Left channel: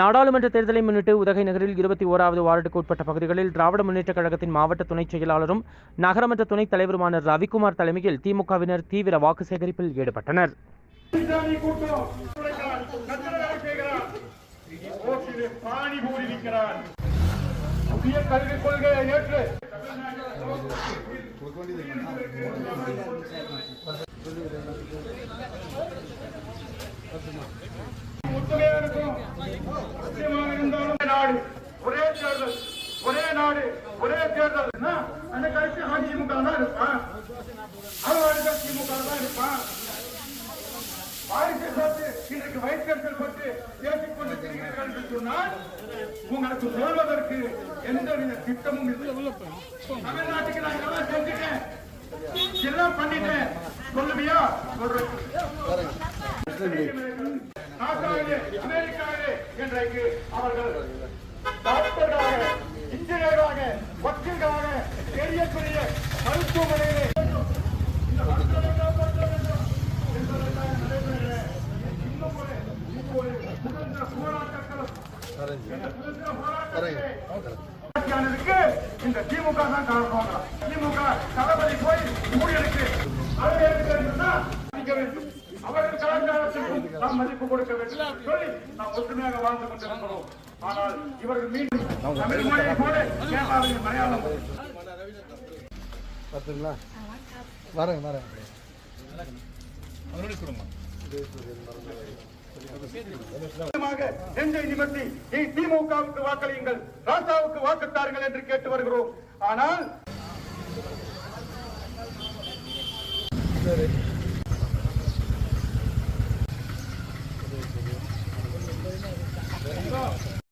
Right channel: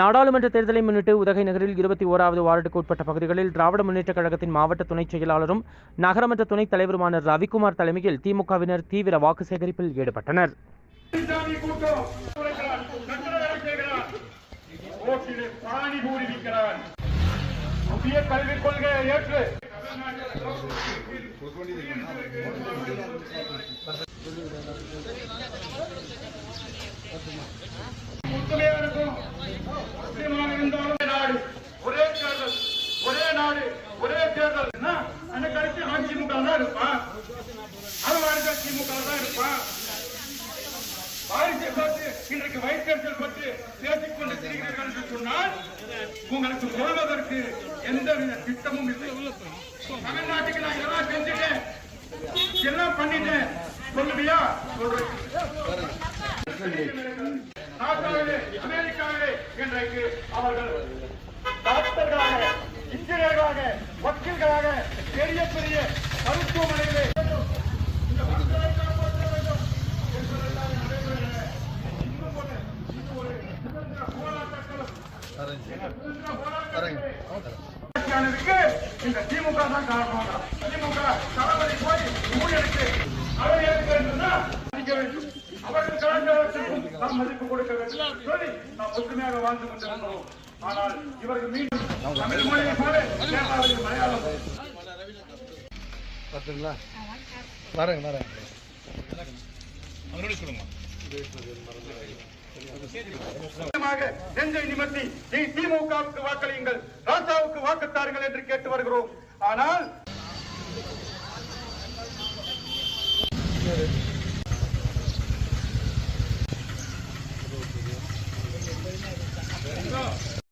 நாடாளுமன்ற தேர்தலை முன்னிட்டு உதகை நகரில் 21வது வார்டுக்கு உட்பட்ட பகுதிகளில் திராவிட முன்னேற்றக் கழகத்தின் மாவட்ட துணைச் செயலாளரும் நகரமன்ற துணைத் தலைவருமான ரவிக்குமார் தலைமையில் திமுகவினர் தீவிர வாக்கு சேகரிப்பில் ஈடுபட்டனர். ஒரே நாடு ஒரே தேர்தல் திமுக தான் இருப்பான், அவன் திமுக தான் இருப்பான். வாரிசை பற்றி இன்றைக்கு வைத்தறிச்சல் பற்றி பேசிக் கொண்டிருக்கிறீர்கள் என்று சொன்னால் உங்களுக்கு சொல்வதற்கு எந்தவித திட்டமும் இல்லை. தமிழ்நாட்டுக்கு நான் இதெல்லாம் செஞ்சுட்டேன், எல்லாம் பண்ணிட்டேன் சொல்லுவியா? அமெரிக்காவே இன்றைக்கு அவர்கள் டாக்டர்களாக, இன்ஜினியராக, வக்கீல்களாக பெரிய பெரிய மருத்துவமனைகளை இந்த மக்களை காப்பாற்ற வேண்டும் என்பதற்காக நடைபெறுகிற இன்னும் ஒரு சுதந்திர போராட்டங்களும் இந்த திமுக தான் காரணம். திமுக தளபதி போய் ஊழியருக்கு அவர்கள் காலத்திற்கும் நாம் மதிப்பு கொடுக்க வேண்டும் சொல்லி நாம் ஒற்றுமையாக வாழ்ந்து கொண்டிருக்கிறோம். ஆனால் இவர்கள் மீண்டும் நெஞ்சை நிமிர்த்தி திமுகவுக்கு வாக்களியுங்கள், ராசாவுக்கு வாக்குத்தாருங்கள் என்று கேட்டு வருகிறோம். ஆனால்